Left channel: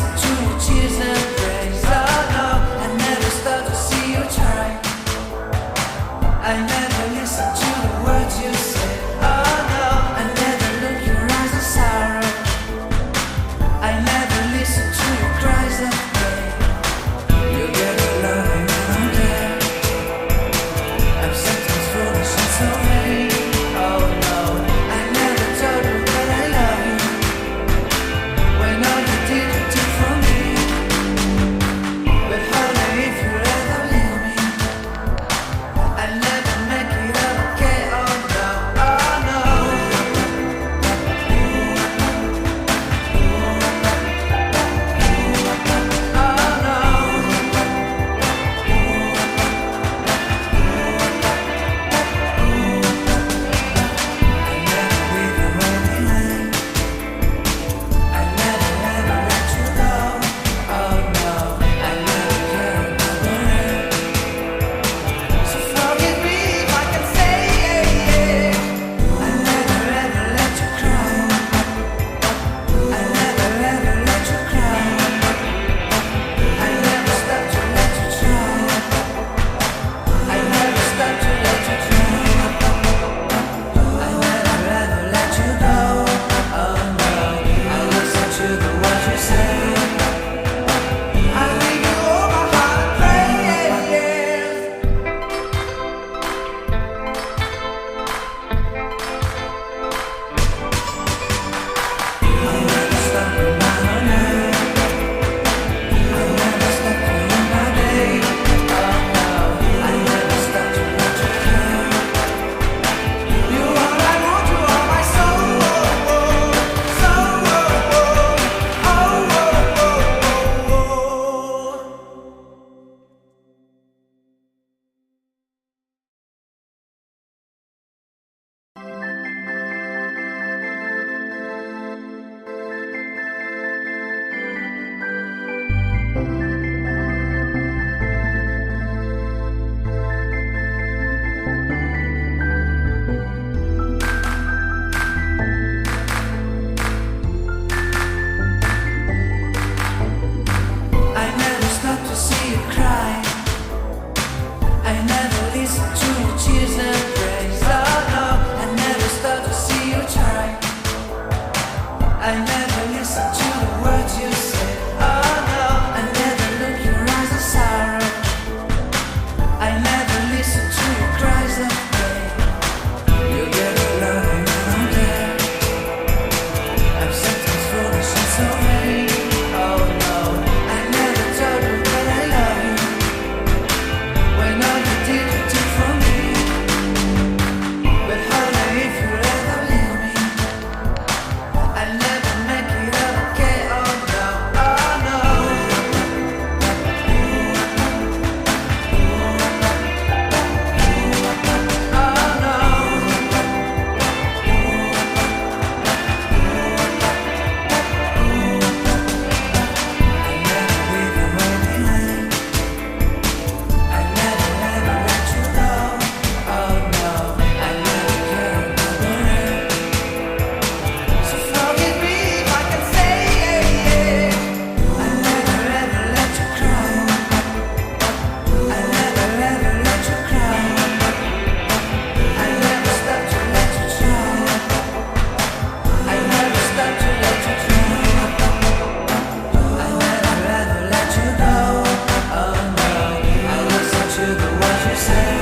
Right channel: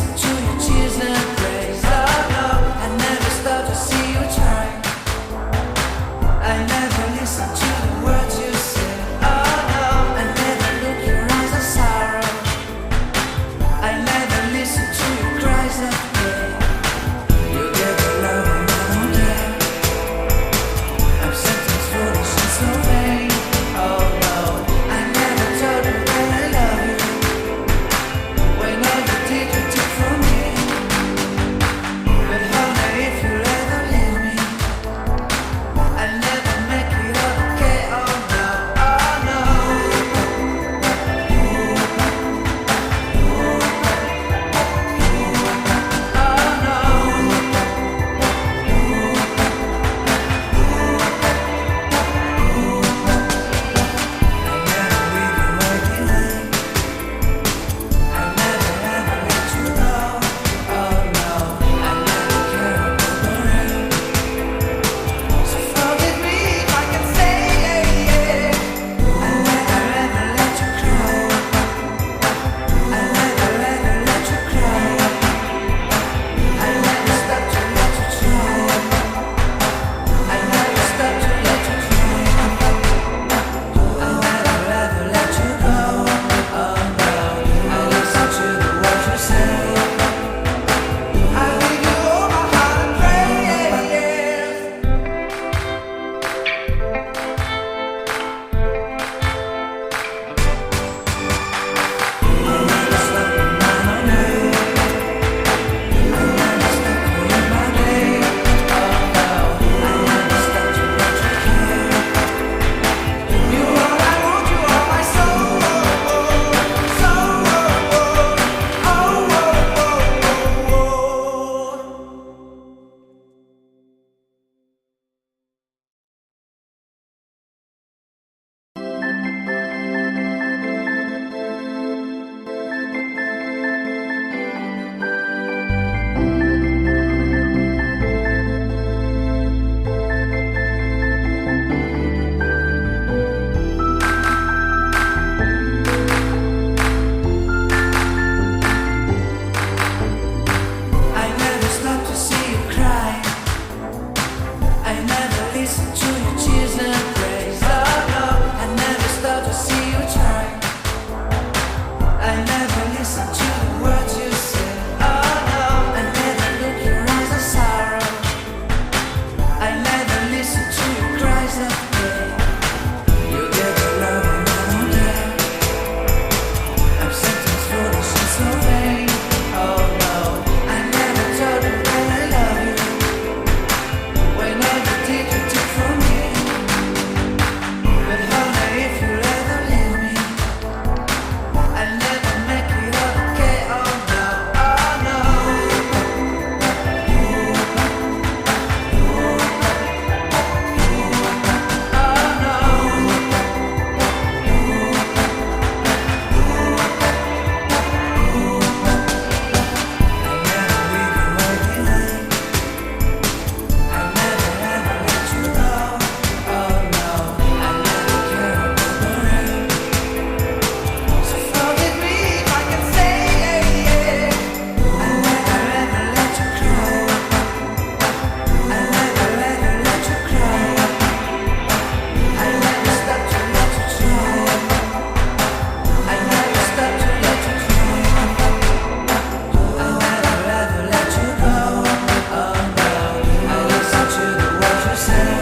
listen to your cheers and praise. Oh no, I never stop to see you try. I never listen to the words you say. Oh no, I never look your eyes of sorrow. I never listen to your cries of pain. You get the love and I don't care. I'm sometimes foolish and so vain. Oh no, I never told you that I love you, when all you did you took from me. But honey, if you ever leave me, I'll never make it up, okay? Oh no, oh no. Oh no. I'll never leave you waiting. I'll never ever let you go. Oh no, I'll never care about the rain. So forgive me if I can say yeah. I'll never ever let you cry. I'll never ever let you cry. I'll never stop to let you try. I'll never stop to let you try. I'll never ever let you go. Oh no, I'll listen to the words you say. I'll give you all my heart and prayers. I'll never stop in my own way. I'll never stop for you, my babe. Oh no, I'll never stop to let you care. You all I want, you are my soul. Soul. I never stop to see you cry. I never listen to your cheers and praise. Oh no, I never stop to see you try. I never listen to the words you say. Oh no, I never look your eyes of sorrow. I never listen to your cries of pain. You get the love and I don't care. I'm sometimes foolish and so vain. Oh no, I never told you that I love you, when all you did you took from me. But honey, if you ever leave me, I'll never make it up, okay? Oh no, oh no. Oh no. I'll never leave you waiting. I'll never ever let you go. Oh no, I'll never care about the rain. So forgive me if I can say yeah. I'll never ever let you cry. I'll never ever let you cry. I'll never stop to let you try. I'll never stop to let you try. I'll never ever let you go. Oh no, I'll listen to the words you say.